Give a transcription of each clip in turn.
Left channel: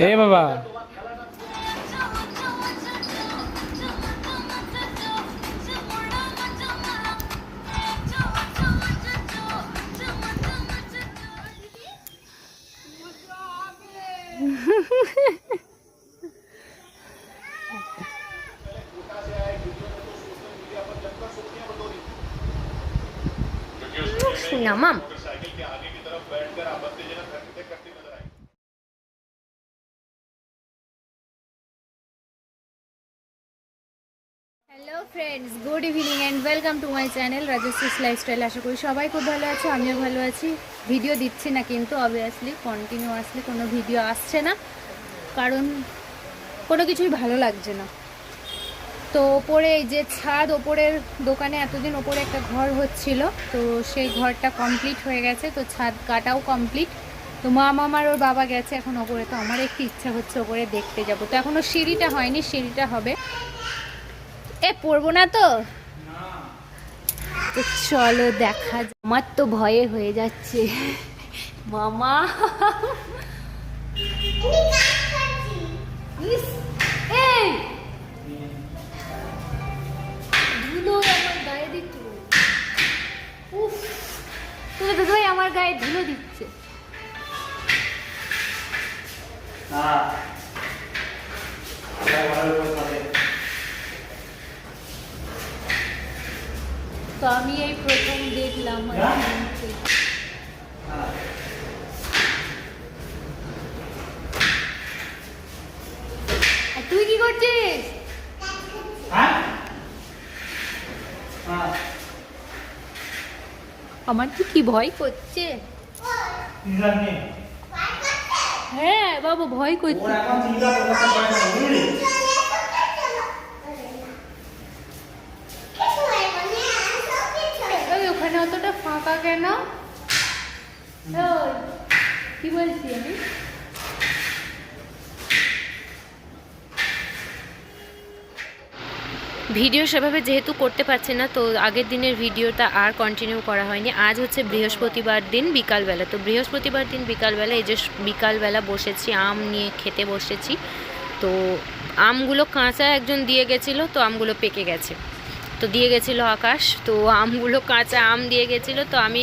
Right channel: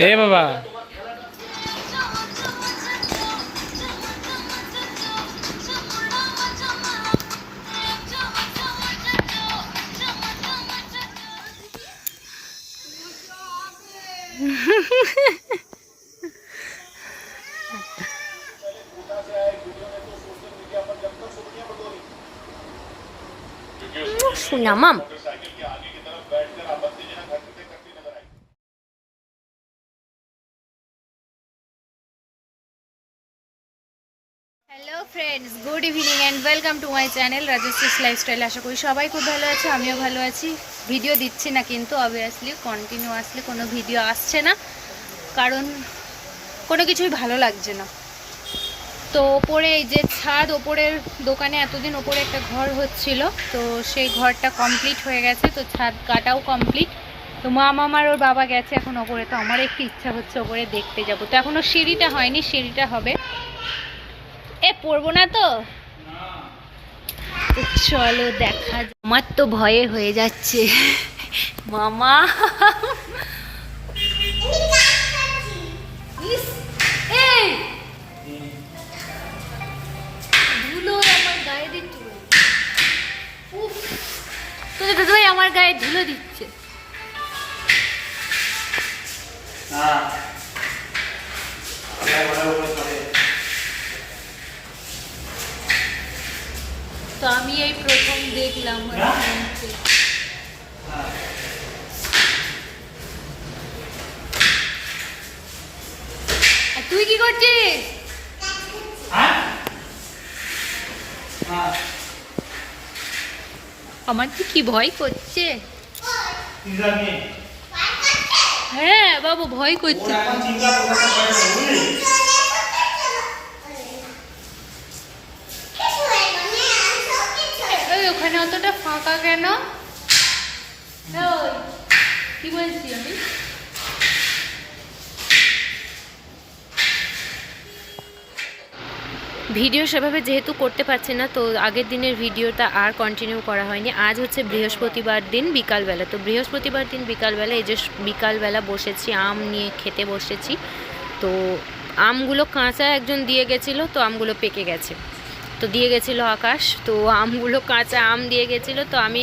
এ বাবা শোনা মাম hello friends good evening and welcome to my channel Rajashree's lifestyle আশা করি সবাই খুব ভালো আছে, আমিও ভালো আছি। ভিডিও দিচ্ছি না কিন্তু অবভিয়াসলি কন্টিনিউ আসলে কোনো ভিডিও আসছে না। কারণ কোনো কিছুই ভালো লাগছে না। তো ওপরে এই যে ছাদ, ওপরের দোকানে এতদিন ওপরে একটা ঘর হচ্ছিল, তো সেই ঘরটা কমপ্লিট হয়ে গেছে, তো ছাদ কাটাও কমপ্লিট তো মা মামার ওর বাবা গেছে এখন ওপরে, তো আমার একটু ইচ্ছা হচ্ছে ওপরে দেখতে যাব। তো এখনও সিঁড়িটা হয়নি, সিঁড়িটা হবে। এ পড়ব না তো? তো চলো দেখা আমার তো ভয়ে হয়ে যাচ্ছে। মামা! ধুলো দিচ্ছে তো আমি এই প্রথম দেখলাম তুই কি করছিস আমার তো কি ভয় করছে হ্যাঁ বাবু ভয় করছে। ওখানে অতটা ফাঁকা কেন? কি বলছি আমি? ভিডিও সেভাবে যেহেতু করতে পারছে না, তো আগের দিনের ভিডিওটা আর কন্টিনিউ করা হয়নি। আজ হচ্ছে বৃহস্পতিবার দিন বিকালবেলা। তো বৃহস্পতিবার দিন বিকালবেলা এই যে বিকালবেলা বসেছি, আম নিয়ে খেতে বসেছি। তো আমগুলো কাঁচা একজন দিয়ে গেছিল, তো আমগুলো পেকে গেছে। তো দিয়ে গেছিল আকাশ তো আমগুলো কাঁচা আম দিয়ে গেছিল তো আমি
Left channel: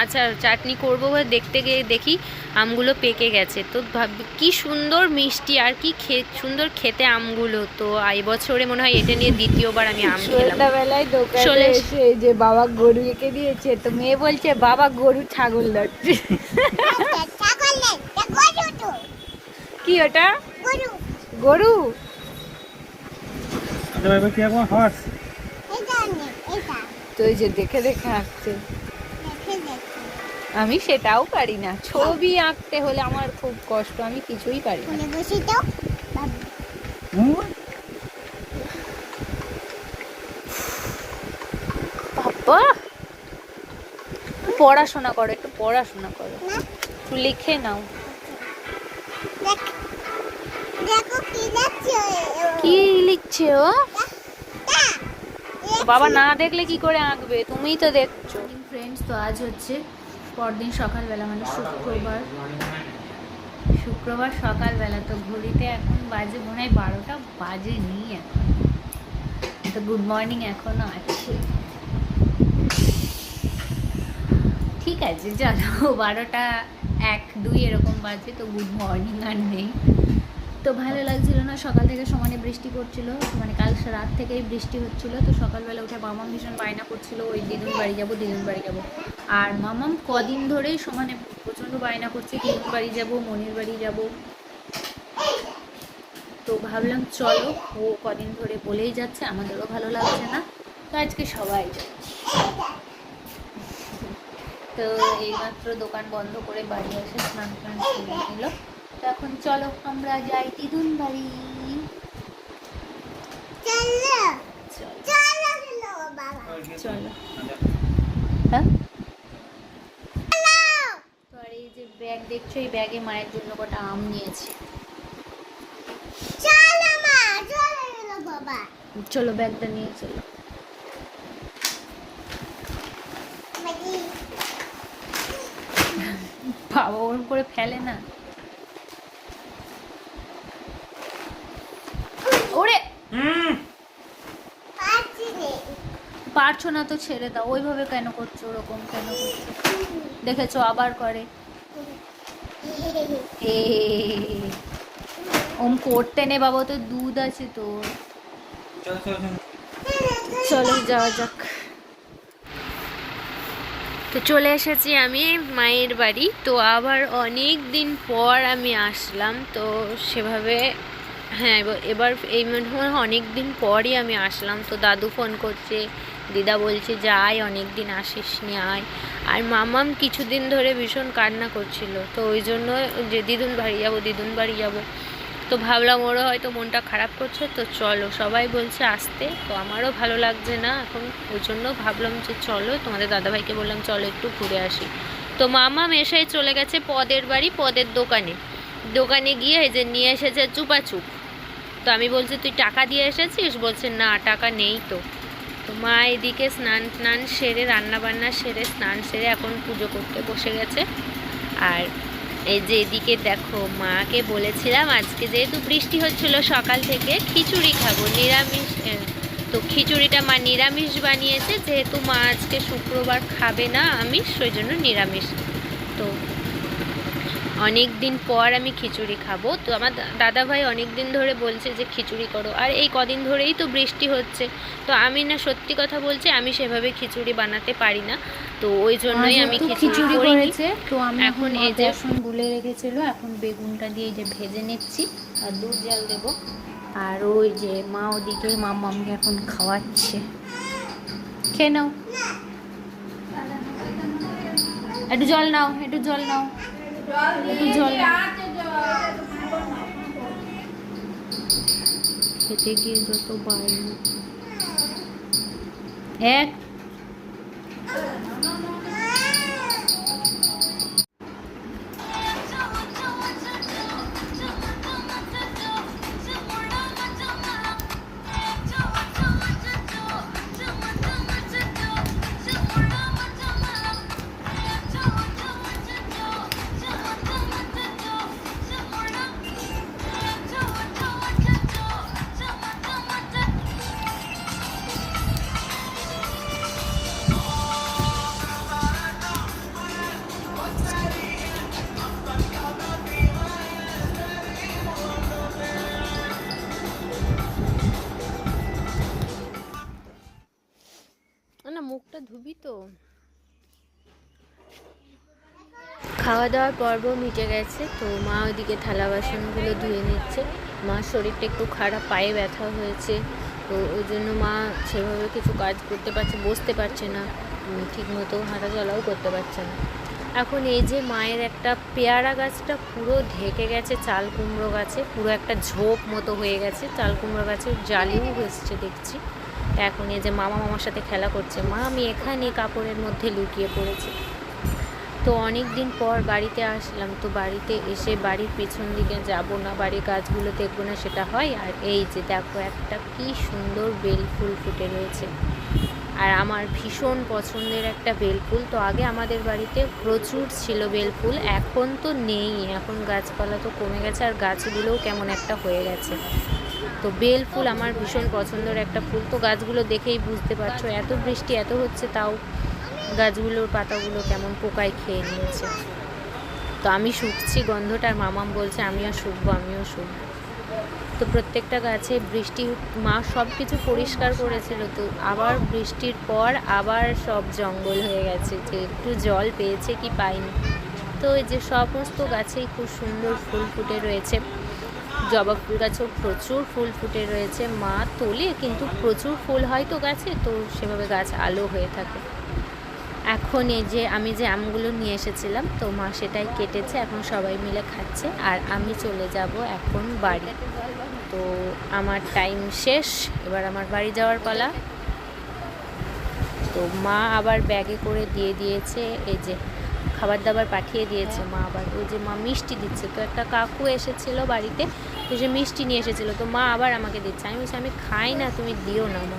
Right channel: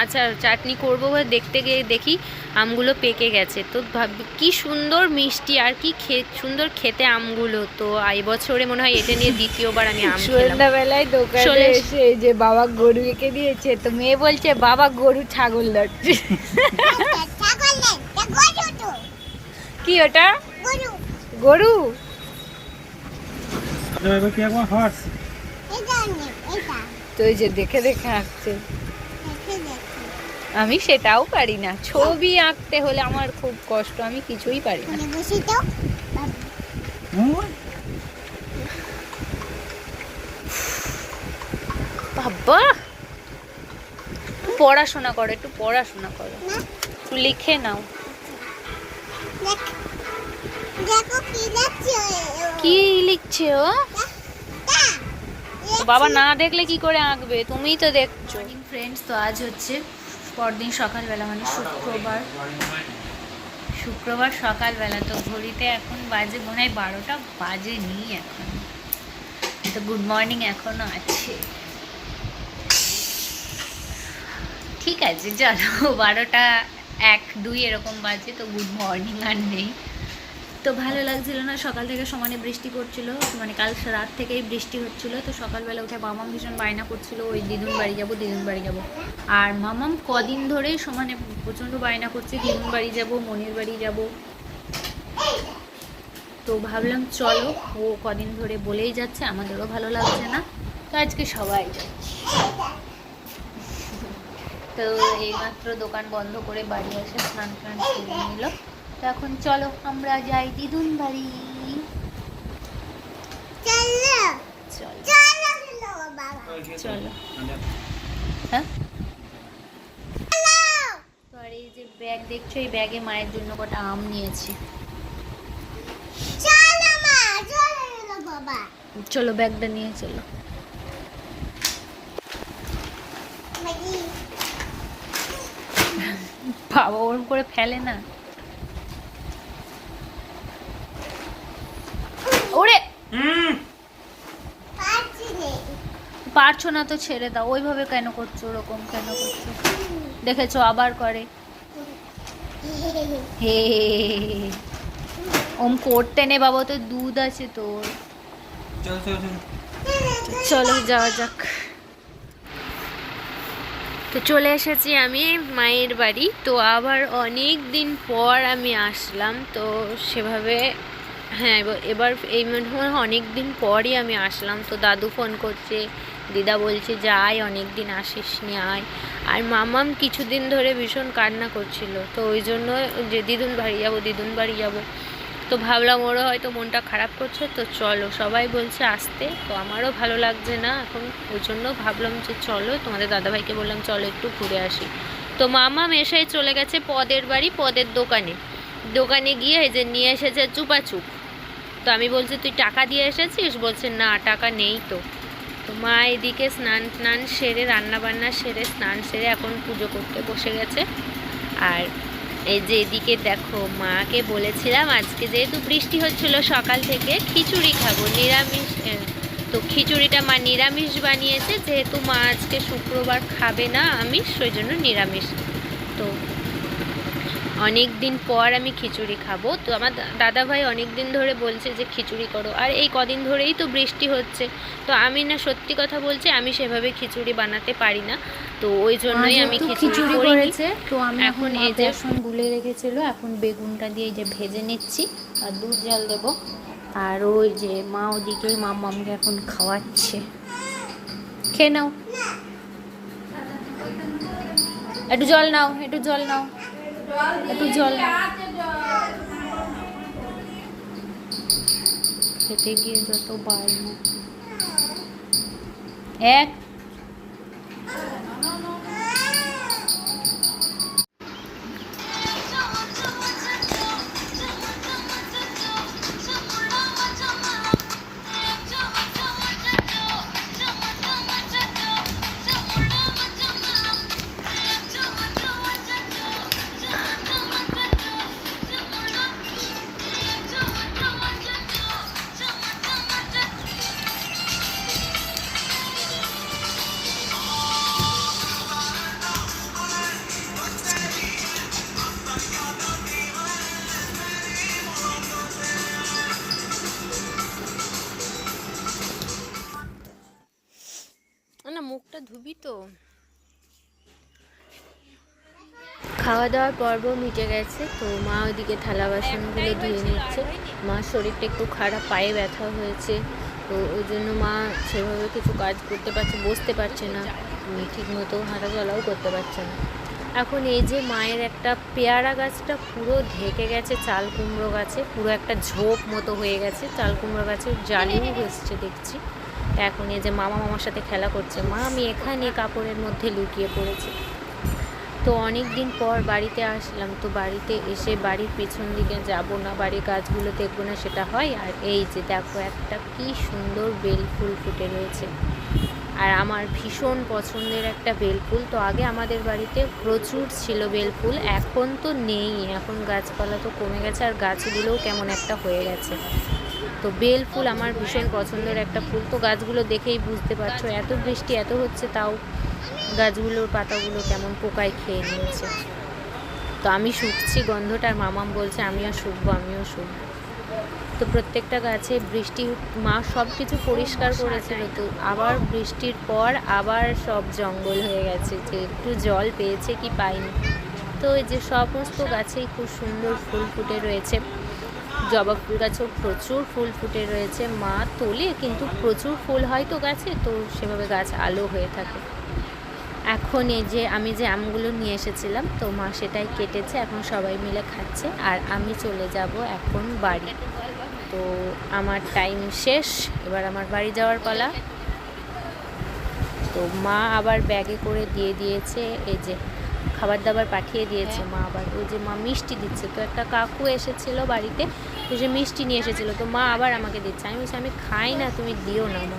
আচ্ছা চাটনি করব বলে দেখতে গিয়ে দেখি আমগুলো পেকে গেছে। তো ভাব কি সুন্দর মিষ্টি আর কি খে সুন্দর খেতে আমগুলো। তো এই বছরে মনে হয় এটা নিয়ে দ্বিতীয়বার আমি আম খেলাম। সন্ধ্যাবেলায় দোকানে চলে এসে। যে বাবা গরু এঁকে দিয়েছে তো মেয়ে বলছে বাবা গরু ছাগল ধরছে কি ওটা? গরু। তো এই যে দেখে দেখে আঁকছে আমি সেটাও পারি না। ছবি আঁকতে হলে আমার খুব কষ্ট আমি কিছুই পারি না। বাবা! পড়াশোনা করো একটু পড়াশোনা করো। একটু লিখে নাও। কি লিখছে ও? বাবা না দেখলে কি করে আঁকবে? তুমিই তো দেখছ। ফ্রেন্ডস তো আজ হচ্ছে পরদিন সকালবেলা মানে শুক্রবার। শুক্রবার সকালবেলা, তো ঘড়িতে এখন বাজে, মনে হয় বারোটা বাজে নি এখন। তো গুড মর্নিং এখনও আছে। ঠিক আছে, চলো, বারোটা এক, দুই এরকম বাজে, তো গুড মর্নিং আর নেই। তো ভালো লাগছিল না। সকাল থেকে সমানে বৃষ্টি পড়ছিল। মানে কাল রাত থেকেই বৃষ্টি হচ্ছিল। তো সকালবেলা উঠে মামাম ভীষণ বায়না করছিল। ওই দিদুন বাড়ি যাব, দিদুন বাড়ি যাব। আর মামাম কদিন ধরেই সমানে প্রচণ্ড বায়না করছে। দিদুন বাড়ি যাব, মনির বাড়ি যাব। তো ভাবলাম চলো, ও কদিন ধরে বলেই যাচ্ছে, আমাদেরও ভালো লাগছে না। তো আজকে সবাই তো এইমাত্র দোকান বন্ধ করে বাড়ি এসে স্নান টান করে নিল। তো এখন চলো আমরা যাই দিদুন বাড়ি চলো। চলো হ্যাঁ? তো আর এই যে ব্যাগ দেখছ এই ব্যাগে মায়ের জন্য কটা আম নিয়েছি। চলো ব্যাগটা নিয়ে চলো। বাবা ওরম করে ফেলে না। ওরে পারছ না তো ছেড়ে দাও। ওইভাবে কেন করছ? ওরকম কেন করছ? দেখেছ আবার করে। হে। ওম করতে নে বাবা তো দুধ আছে তোর। চলো যাওয়া যাক। তো চলে এসেছি আমি মায়ের বাড়ি। তো আবার অনেক দিন পর আমি আসলাম তো সেভাবে হ্যাঁ এবার- এই মনে অনেক দিন পরই আমি আসলাম। তো দাদু ফোন করছে, দিদা বলছে, যাই অনেক দিন আসিস নি আয়। আর মামাম কিছুদিন ধরে ভীষণ কান্না করছিল। তো ওই জন্য যে দিদুন বাড়ি যাব, দিদুন বাড়ি যাব। তো ভাবলাম ওরও হয়তো মনটা খারাপ করছে। তো চলো, সবাই বলছে আসতে। তো আমারও ভালো লাগছে না এখন। ওই জন্য ভাবলাম যে চলো, তোমাদের দাদাভাইকে বললাম, চলো একটু ঘুরে আসি। তো মামাম এসেই চলে গেছে পদের বাড়ি, পদের দোকানে। দোকানে গিয়ে যে নিয়ে এসেছে চুপাচুপ। তো আমি বলছি, তুই টাকা দিয়ে এসেছিস? বলছে, না, টাকা নেই তো। তো মা এদিকে স্নান টান সেরে রান্না বান্না সেরে, স্নান সেরে এখন পুজো করতে বসে গেছে। আর এই যে এদিকে দেখো, মাকে বলেছিলাম, আজকে যেহেতু বৃষ্টি হচ্ছিল সকাল থেকে, খিচুড়ি খাব। নিরামিষ তো খিচুড়িটা মা নিরামিষ বানিয়েছে, যেহেতু মা আজকে শুক্রবার খাবে না আমিষ, সেই জন্য নিরামিষ। অনেক দিন পর আমি খিচুড়ি খাব। তো আমার দাদা ভাই অনেক দিন ধরে বলছে যে খিচুড়ি করো। আর এই কদিন ধরেই তো বৃষ্টি হচ্ছে। তো আমি না সত্যি কথা বলছি আমি সেভাবে খিচুড়ি বানাতে পারি না। তো ওই জন্যই আমি খিচুড়ি। করেছে তো আমি এখন এই যে- গুলে রেখেছিল এখন বেগুনটা দিয়ে এই যে ভেজে নিচ্ছি আর দুধ জল দেব। আর ওই যে মা ওদিকে মাম্মামকে এখন খাওয়াচ্ছে। খেয়ে নাও। একটু জল নাও একটু জল নাও। একটু জল নাও খেতে গিয়ে যত বাড়ি এক খাওয়া দাওয়ার পর্ব মিটে গেছে তো মা ওইদিকে থালা বাসনগুলো ধুয়ে নিচ্ছে। মার শরীরটা একটু খারাপ পায়ে ব্যথা হয়েছে তো ওই জন্য মা সেভাবে কিছু কাজ করতে পারছে বসতে পারছে না। উম, ঠিক মতো হাঁটা চলাও করতে পারছে না। এখন এই যে মায়ের একটা পেয়ারা গাছটা পুরো ঢেকে গেছে চাল কুমড়ো গাছে পুরো একটা ঝোপ মতো হয়ে গেছে চাল কুমড়ো গাছের জালিও এসছে দেখছি। এখন এই যে মামা মামার সাথে খেলা করছে। মা আমি এখানে কাপড়ের মধ্যে লুকিয়ে পড়েছি। তো অনেক দিন পর বাড়িতে আসলাম। তো বাড়িতে এসে বাড়ির পেছন দিকে যাব না, বাড়ির গাছগুলো দেখব না সেটা হয়। আর এই যে দেখো একটা কি সুন্দর বেল ফুল ফুটে রয়েছে। আর আমার ভীষণ পছন্দের একটা বেলফুল তো আগে আমাদের বাড়িতে প্রচুর ছিল বেলফুল এখন তো নেই। এখন গাছপালা তো কমে গেছে আর গাছগুলোও কেমন একটা হয়ে গেছে। তো বেল ফুল আমার ভীষণ পছন্দের একটা ফুল। তো গাছগুলো দেখেই বুঝতে পারছ, এত বৃষ্টি এত হচ্ছে তাও গাছগুলোর পাতাগুলো কেমন পোকায় খেয়ে নিয়েছে। তো আমি শুকছি গন্ধটার মামাম বলছে, আমিও শুকবো আমিও শুকবো। তো প্রত্যেকটা গাছে বৃষ্টি, মা সব কিছু পরিষ্কার করেছিল। তো আবার বৃষ্টির পর আবার সব জঙ্গল হয়ে গেছে, যে একটু জল পেয়েছে কি পাইনি। তো এই যে সমস্ত গাছেই খুব সুন্দর ফুল ফুটে রয়েছে। জবা ফুল গাছেও প্রচুর ফুল ফুটে রয়েছে। মা তোলে কিন্তু প্রচুর ফুল হয় তো গাছে, তো সেভাবে গাছ আলো হয়ে থাকে। এখন এই যে আমি যে আমগুলো নিয়ে এসেছিলাম, তো মা সেটাই কেটেছে, এখন সবাই মিলে খাচ্ছে। আর আমি চলে যাব এখন বাড়ি। তো আমার টাইম শেষ, এবার আমার বাড়ি যাওয়ার পালা। তো মা আবার ব্যাগে করে দিয়ে দিয়েছে, এই যে খাবার দাবার পাঠিয়ে দিয়েছে মা আবার। ওই যে মা মিষ্টি দিচ্ছে। তো একটা কাকু এসেছিল বাড়িতে, তো সে মিষ্টি নিয়ে এসেছিল। তো মা আবার আমাকে দিচ্ছে। আমি বলছি, আমি খাই না, তুমি দিও না মা।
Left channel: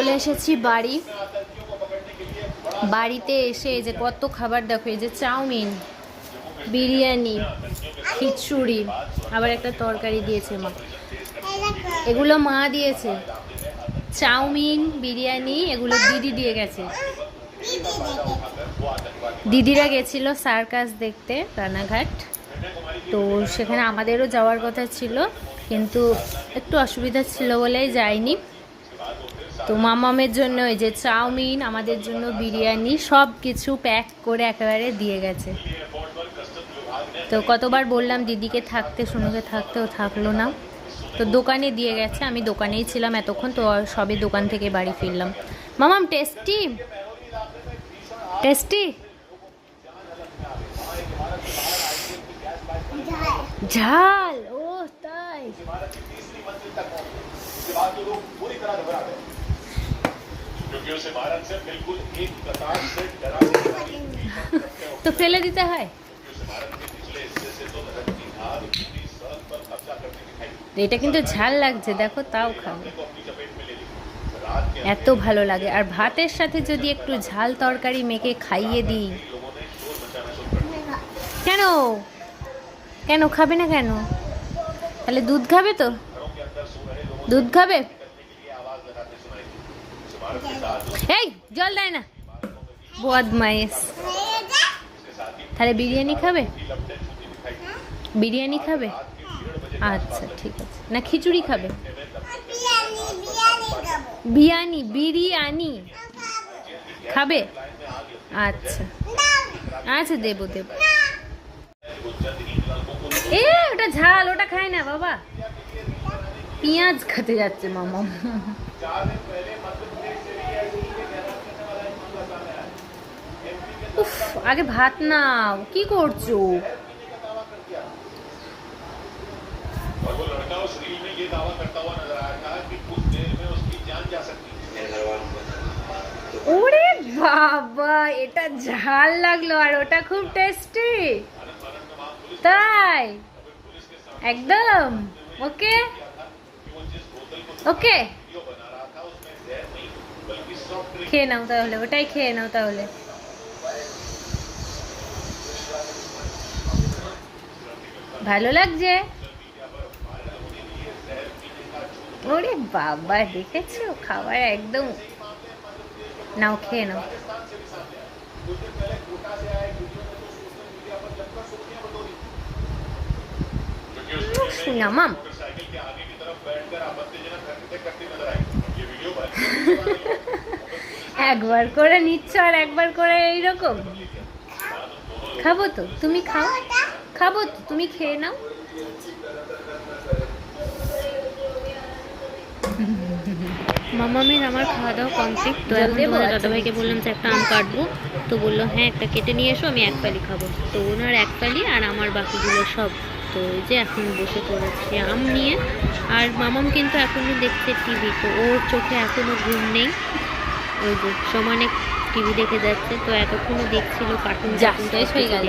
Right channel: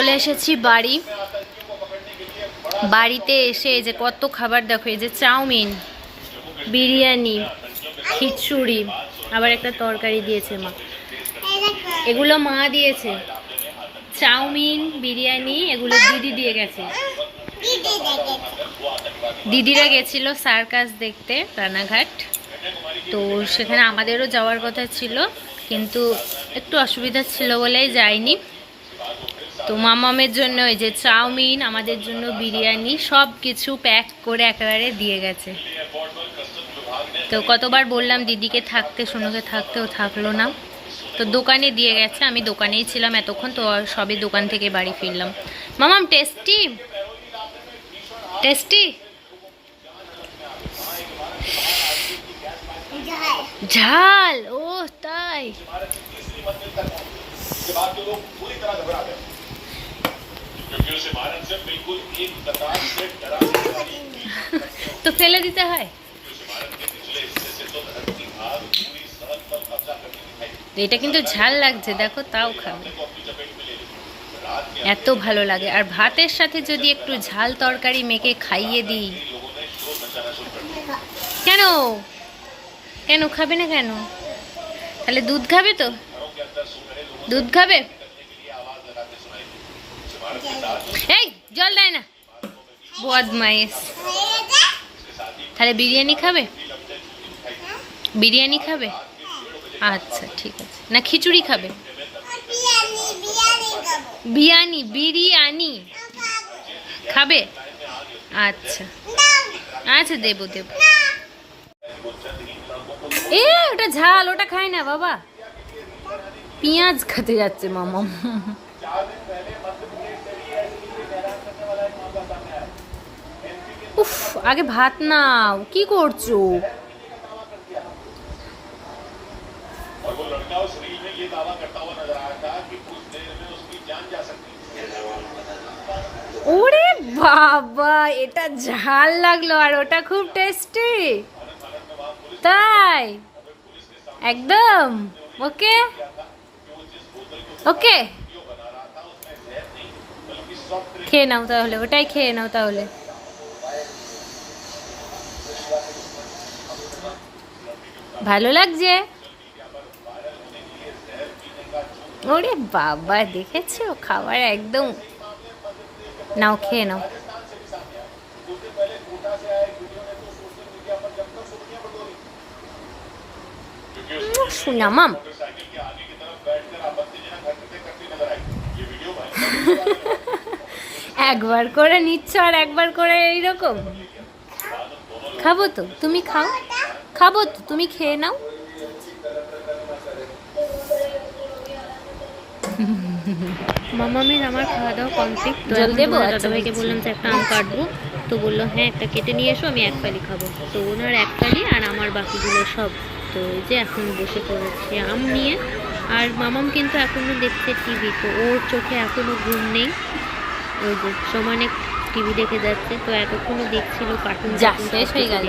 চলে এসেছি বাড়ি। বাড়িতে এসে এই যে কত খাবার দেখো, এই যে চাউমিন, বিরিয়ানি, খিচুড়ি, আবার একটা তরকারি দিয়েছে মা। এগুলো মা দিয়েছে। চাউমিন, বিরিয়ানি, এগুলো দিদি দিয়ে গেছে। দিদিরা গেছিল সার্কাস দেখতে, রানাঘাট। তো সেখানে আমাদেরও যাওয়ার কথা ছিল, কিন্তু একটু অসুবিধা ছিল বলেই যাইনি। তো মামামের জন্য ওই যে চাউমিন, আমাদের জন্য বিরিয়ানি সব কিছু প্যাক করে একেবারে দিয়ে গেছে। তো কতবার বললাম, দিদিকে থাকতে, সোনুকে থাকতে ও থাকল না। তো দোকানে দিয়ে গেছে, আমি দোকানেই ছিলাম এতক্ষণ, তো সবে দোকান থেকে বাড়ি ফিরলাম। মামাম, টেস্টি? টেস্টি? ঝাল, ও তাই। তো ফেলে দিতে হয় এটা কিন্তু ঝাল লাগছে দেখো তাও খাবে এত ভালো লাগে আর ভাতের সাথে যদি একটু ঝাল তরকারি মেখে খাইয়ে দিই কেন কেন খাবে না কেন তাহলে দুধ খাবে তো দুধ খাবে এই জল দেয় না। বদমাইশ। তাহলে বিরিয়ানি খাবে? বিরিয়ানি খাবে? আচ্ছা ঠিক আছে। না, খিচুড়ি খাব? বিরিয়ানি বিরিয়ানি। খাবে? আচ্ছা। আচ্ছা দেবো দেবো। এ, ওটা ঝাল, ওটা খায় না, বাবা। পেঁয়াজ খেতে যাচ্ছে, মামা। উফ আগে ভাত নাও। কি করছ? ওরে বাবা এটা ঝাল লাগল আর ওটা খুব টেস্টি তাই? একদম? ওকে? ওকে? খেয়ে নাও তাহলে ওটাই খেয়ে নাও তাহলে। ভালো লাগছে? ওরে বাবা, দেখেছ? খাবার একদম। নাও, খেয়ে নাও। একবার করে নিচ্ছ আর একবার করে এইরকম? খাব তো তুমি খাও। খাব তো তুমি খেয়ে নাও। মামামের আমার খাওয়া দাওয়া কমপ্লিট। তো এখন তোমাদের দাদাভাইকে বললাম যে একটা আম কাটবো। তো বলল হ্যাঁ একটা কেটে নিয়ে এসো আমি এক পালি খাব। তো ওনার এক পালি আর আমার বাকিগুলো সব। তো এই যে এখন বসে পড়েছি আম নিয়ে। আর মামাম কিন্তু এখনও দেখছে টিভি তো ওর চোখে এখনও ঘুম নেই। ওই যে সমানে টিভি দেখে যাচ্ছে তো এতক্ষণও দেখছিল কার্টুন শেষ হয়ে গেল।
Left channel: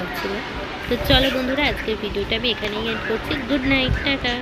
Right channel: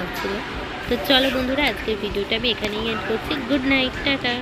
তো চলো বন্ধুরা আজকের ভিডিওটা আমি এখানেই এন্ড করছি। Good night tata.